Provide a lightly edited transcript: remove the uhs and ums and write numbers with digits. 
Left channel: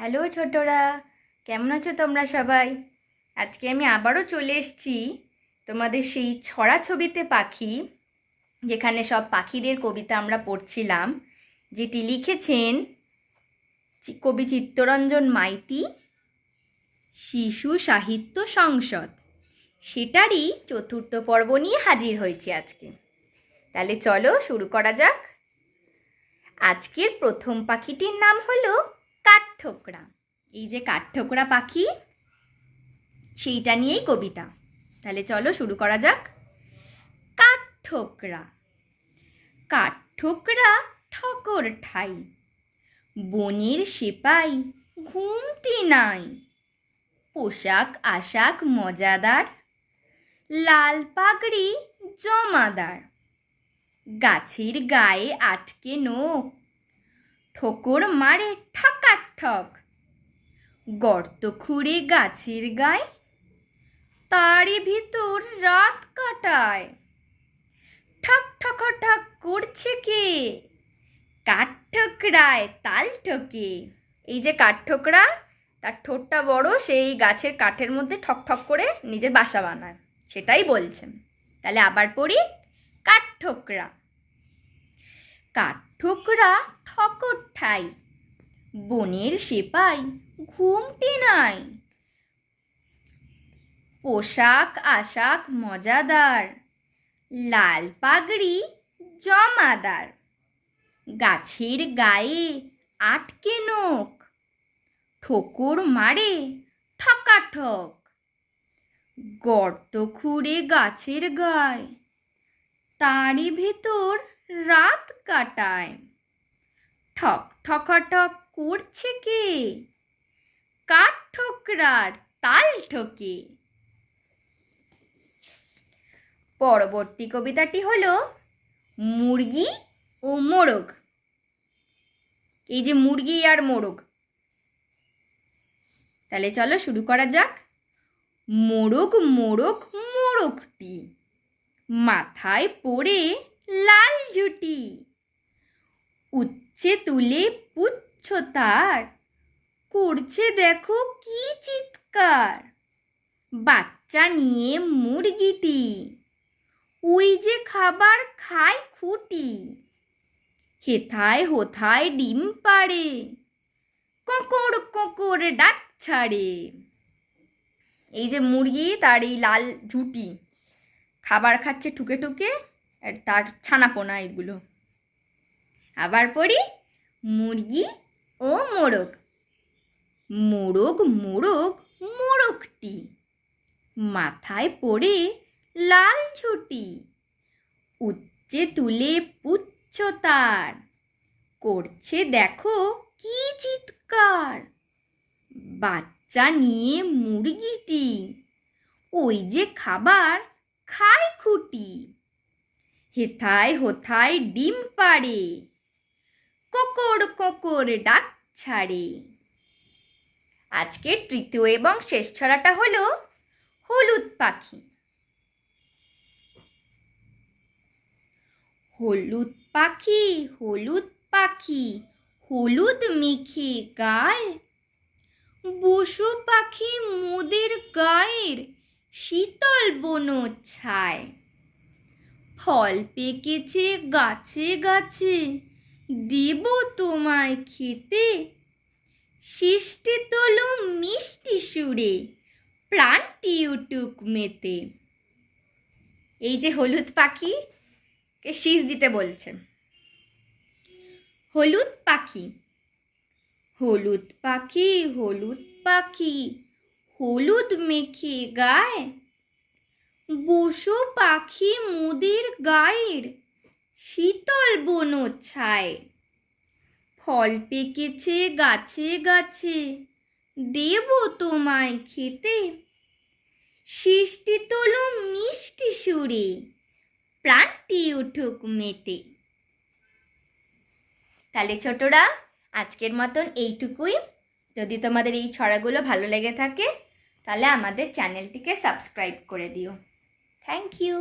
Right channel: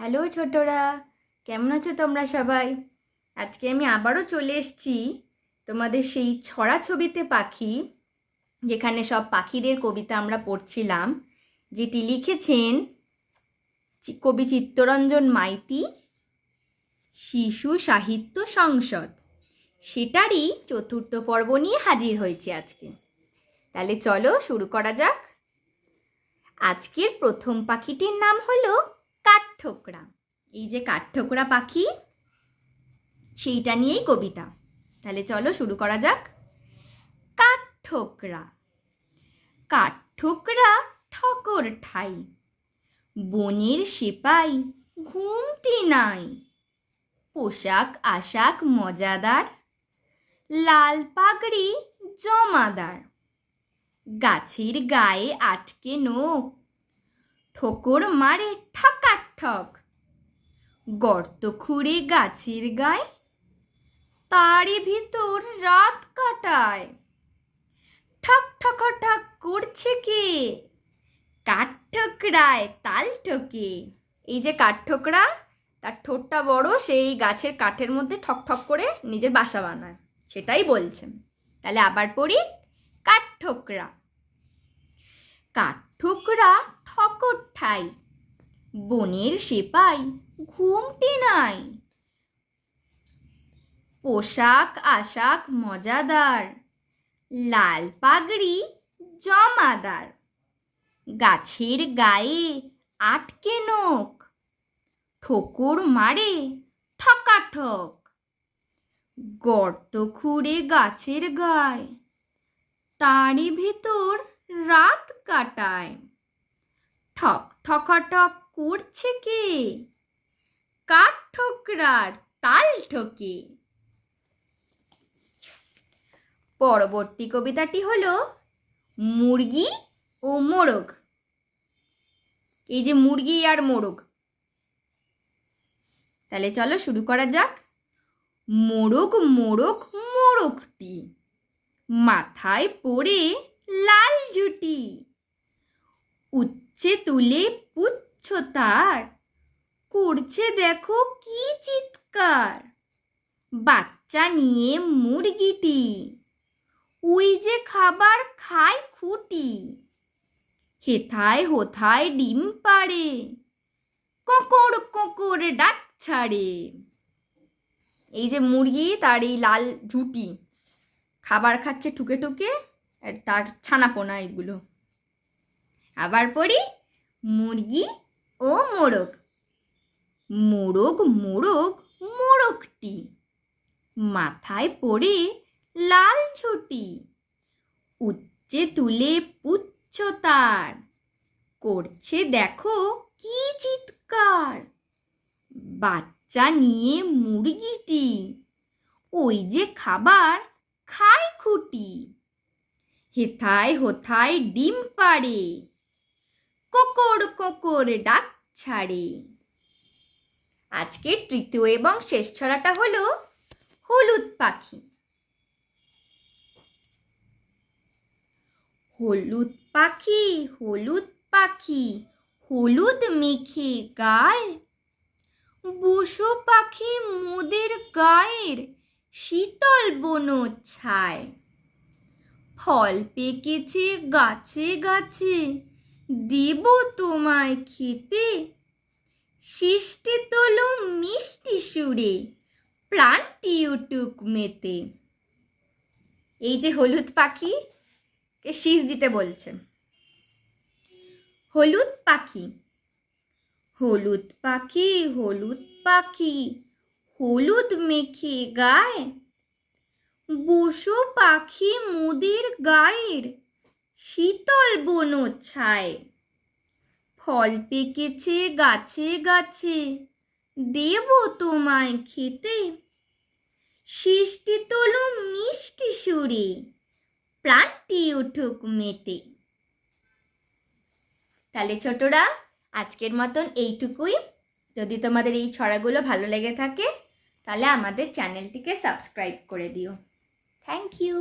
Hello ছোটরা, কেমন আছো তোমরা সবাই? আজকে আমি আবারও চলে এসেছি তোমাদের সেই ছড়াছবিতে পাখি, যেখানে সব পাখিদের কবিতা আমরা পড়ছিলাম, যেটি লিখেছেন কবি চিত্তরঞ্জন মাইতি, শিশু সাহিত্য সংসদ। সেটারই চতুর্থ পর্ব নিয়ে হাজির হয়েছি আজকে। তাহলে চলো শুরু করা যাক। আজকের প্রথম পাখিটির নাম হলো কাঠঠোকরা। এই যে কাঠঠোকরা পাখি, সেইটা নিয়েই কবিতা। তাহলে চলো শুরু করা যাক। কাঠঠোকরা। কাঠঠোকরা ঠকর ঠাই, বনের সেপাই ঘুমটি নাই। পোশাক আশাক মজাদার, লাল পাগড়ি জমাদার। গাছের গায়ে আটকে নোক, ঠোকর মারে ঠকাঠক। গর্ত খুঁড়ে গাছের গায়ে, তারই ভিতর রাত কাটায়। ঠক ঠক ঠক করছে কে? কাঠঠোকরায় তাল ঠোকে। এই যে কাঠঠোকরা, তার ঠোঁটটা বড়, সেই গাছের কাঠের মধ্যে ঠক ঠক করে নিজের বাসা বানায়, সেটাই বলছেন। তাহলে আবার পড়ি। কাঠঠোকরা। কাঠঠোকরা ঠকর ঠাই, বনের সেপাই ঘুমটি নাই। পোশাক আশাক মজাদার, লাল পাগড়ি জমাদার। গাছের গায়ে আটকে নোক, ঠোকর মারে ঠকাঠক। গর্ত খুঁড়ে গাছের গায়ে, তারই ভিতর রাত কাটায়। ঠক ঠকাঠক করছে কে? কাঠঠোকরার তাল ঠোকে। পরবর্তী কবিতাটি হলো মুরগি ও মোরগ। এই যে মুরগি আর মোরগ, তাহলে চলো শুরু করা যাক। মোরগ মোরগ মোরগটি, মাথায় পড়ে লাল ঝুটি। উচ্ছে তুলে পুচ্ছ তার, করছে দেখো কি চিৎকার। বাচ্চা নিয়ে মুরগিটি, ওই যে খাবার খায় খুঁটি। হেথায় হোথায় ডিম পাড়ে, কোঁকড় কোঁকড় ডাক ছাড়ে। এই যে মুরগি, তার এই লাল ঝুটি, খাবার খাচ্ছে ঠুকে ঠুকে, আর তার ছানাপোনা এগুলো। আবার পড়ি। মুরগি ও মোরগ। মোরগ মোরগ মোরগটি, মাথায় পড়ে লাল ঝুটি। উচ্চে তুলে পুচ্ছ তার, করছে দেখো কি চিৎকার। বাচ্চা নিয়ে মুরগিটি, ওই যে খাবার খায় খুঁটি। হেথায় হোথায় ডিম পাড়ে, কোঁকড় কোঁকড় ডাক ছাড়ে। আজকের তৃতীয় এবং শেষ ছড়াটা হলো হলুদ পাখি। হলুদ পাখি হলুদ পাখি, হলুদ মেখে গায়। বসো পাখি মোদের গায়ের শীতল বন ছায়। ফল পেকেছে গাছে গাছে, দেব তোমায় খেতে। সৃষ্টি তোলো মিষ্টি সুরে, প্রাণটি উঠুক মেতে। এই যে হলুদ পাখিকে শীষ দিতে বলছে। হলুদ পাখি। হলুদ পাখি হলুদ পাখি, হলুদ মেখে গায়। বসো পাখি মোদের গায়ের শীতল বন ছায়। ফল পেকেছে গাছে গাছে, দেব তোমায় খেতে। সৃষ্টি তোলো মিষ্টি সুরে, প্রাণটি উঠুক মেতে। তাহলে ছোটরা, আজকের মতন এইটুকুই। যদি তোমাদের এই ছড়াগুলো ভালো লেগে থাকে, তাহলে আমাদের চ্যানেলটিকে সাবস্ক্রাইব করে দিও। Thank you.